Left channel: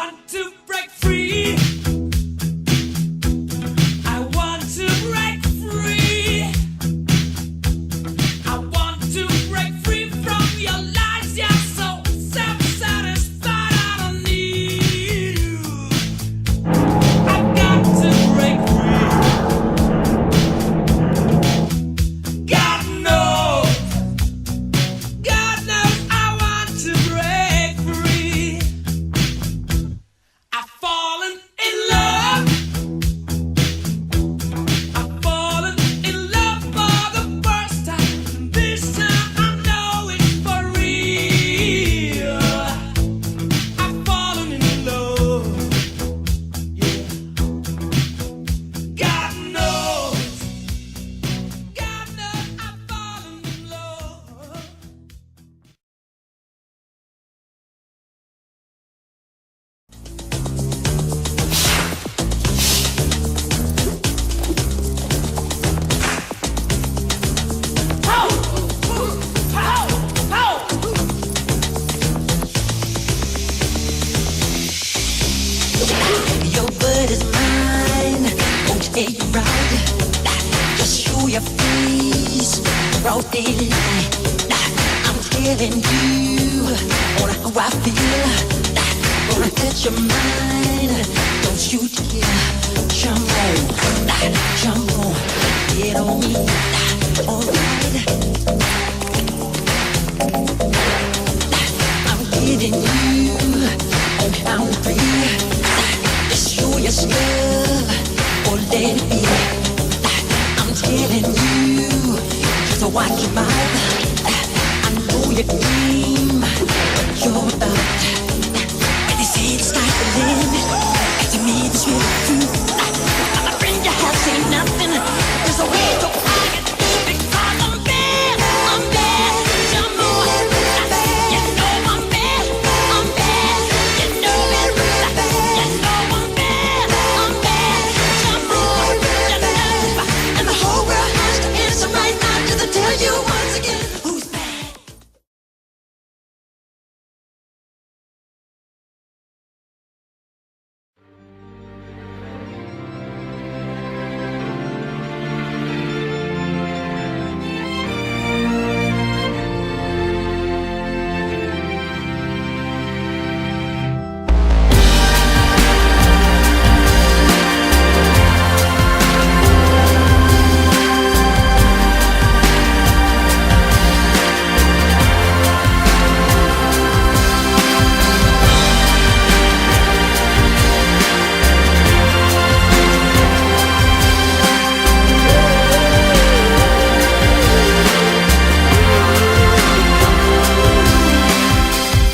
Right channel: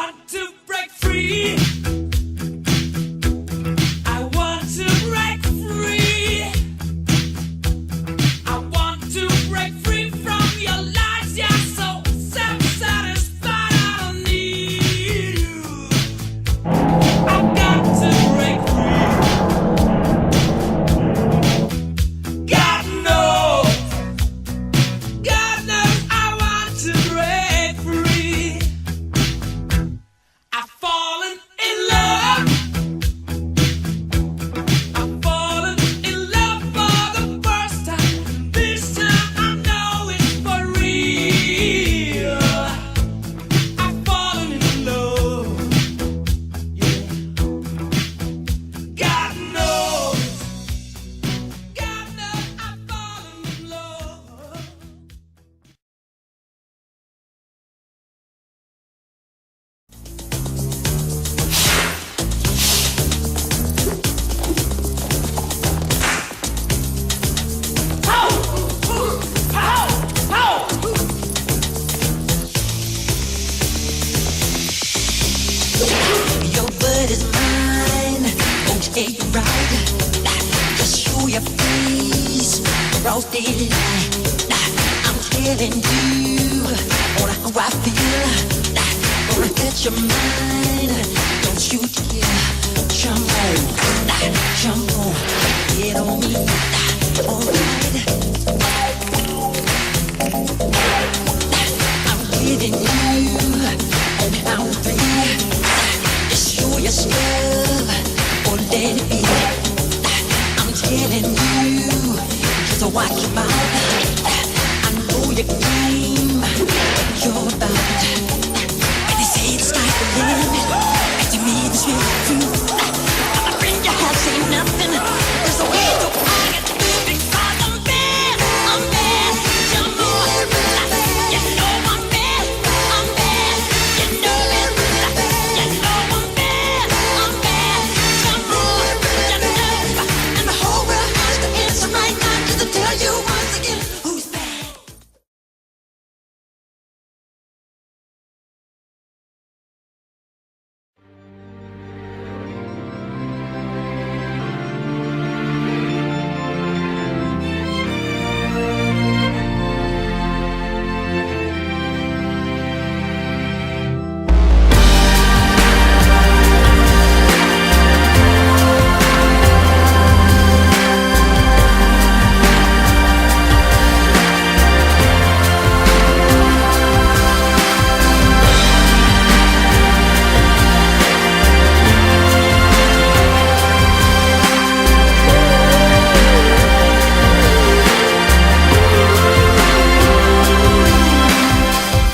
want to break free. I want to break free. I want to break free from your lies. You're so self-satisfied. I don't need you. I've got to break free. God knows I want to break free. I've fallen in love. I've fallen in love for the first time. This time I know it's for real. I've fallen in love. Yeah. God knows I've fallen in love. Your word is mine, won't take you right. Just show your face, broad daylight. I'm telling you, on how I feel. Gonna catch your mind, don't you dare. Jump on, get on me. Alright, I'm getting you on how to feel. Just show your stuff or let it be. I'm telling you, just watch your mouth. I know your game, what you're about. And they say the sky's the limit, and to me this really true. My friend, you have seen nothing. There's a way to argue because I'm bad. Some more. You know I'm bad. You know it. You know I'm bad. Some more. You know. And the whole world has to answer right now to tell you once again who's bad.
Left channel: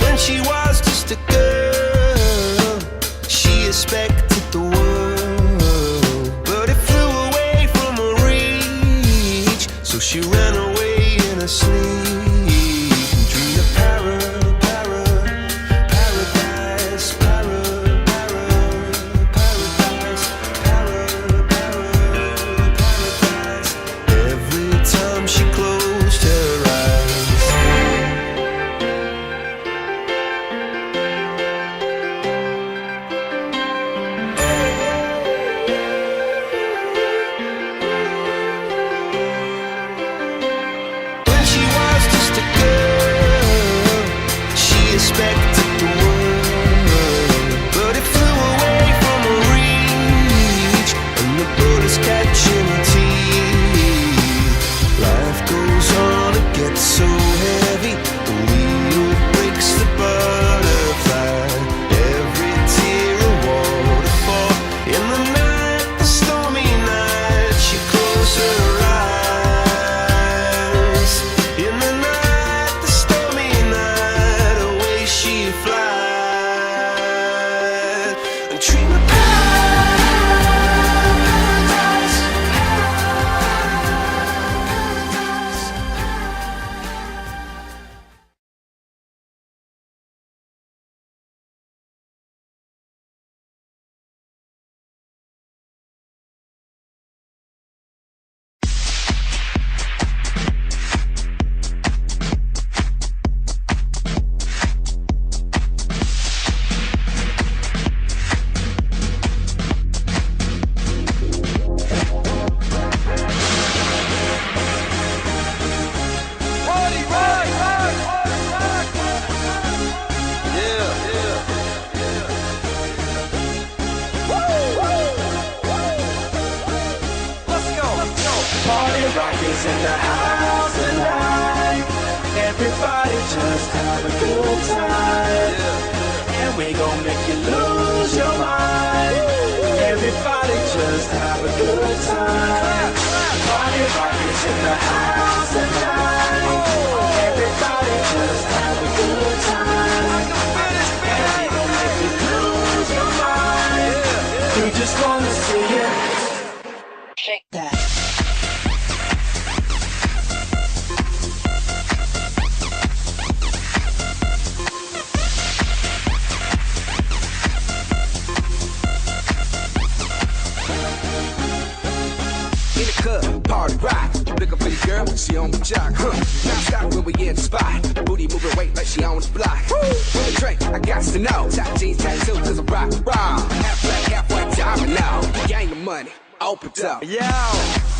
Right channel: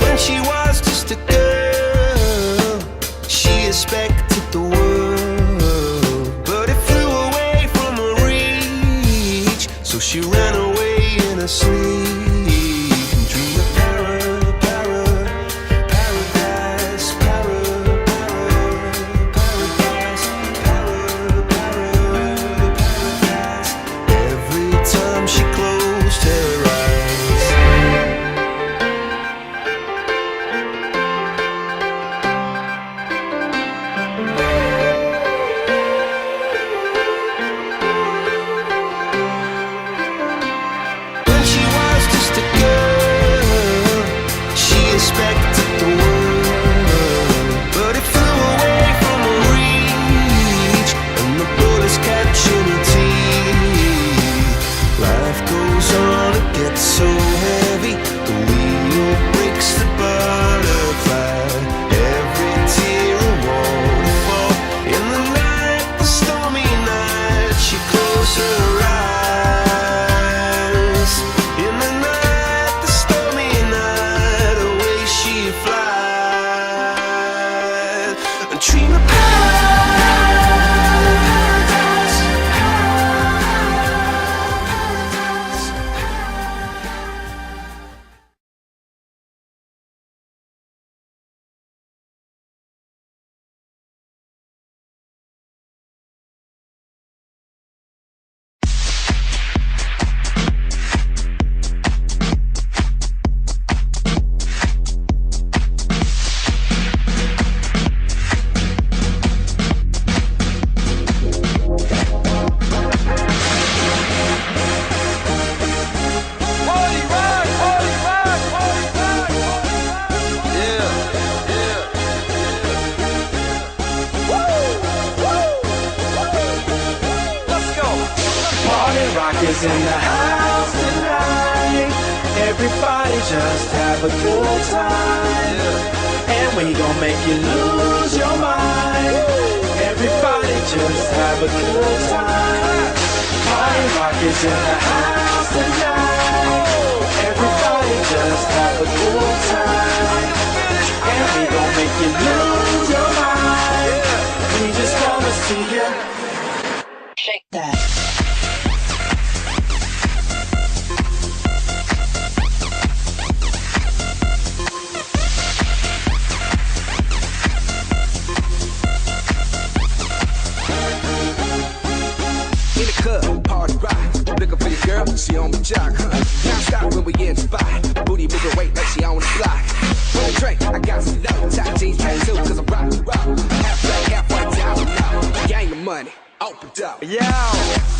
When she was just a girl, she expected the world, but it flew away from her reach. So she ran away in her sleep and dreamed of paradise, paradise. Every time she closed her eyes. When she was just a girl, she expected the world, but it flew away from her reach, and the bullets catching her teeth. Life goes on, it gets so heavy, the wheel breaks the butterfly. Every tear a waterfall. In the night, the stormy night, she closed her eyes. In the night, the stormy night, away she flies. A dream of paradise, paradise. is in the house tonight. Everybody just have a good time. Yeah. And we gon' make you lose your mind. Woo. Everybody just have a good time. Party rock is in the house tonight. Oh. Everybody just have a good time. I can feel it. And we gon' make you lose your mind. Yeah. We just wanna see you shake that. In the club, party rock. Looking for your girl, she on my jock. Now stop when we in the spot. Booty moving weight like she on the block. With a drink, I got to know. Top jeans tattoo, cause I'm rock, raw. Half black, half white, I don't know. Gang of money, open up. Yo,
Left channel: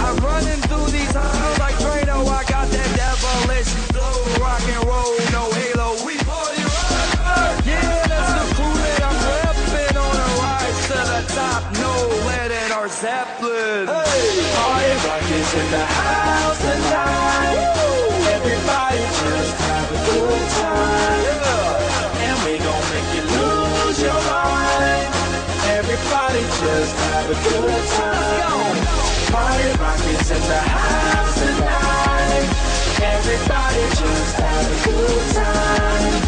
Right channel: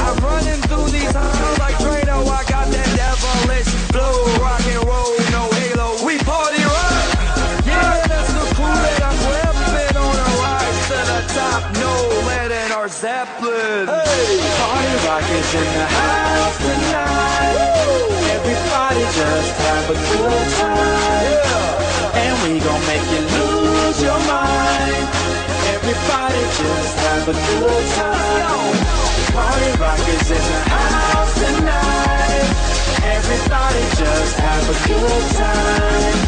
I'm running through these halls like Drano. I got that devilish flow, rock and roll, no halo. We party rock. Yeah, that's the crew that I'm repping on a rise to the top. No lead in our Zeppelin. Hey, party rock is in the house tonight. Woo. Everybody just have a good time. Yeah, and we gon' make you lose your mind. Everybody just have a good time. Let's go. Party rock is in the house tonight. Everybody just have a good time.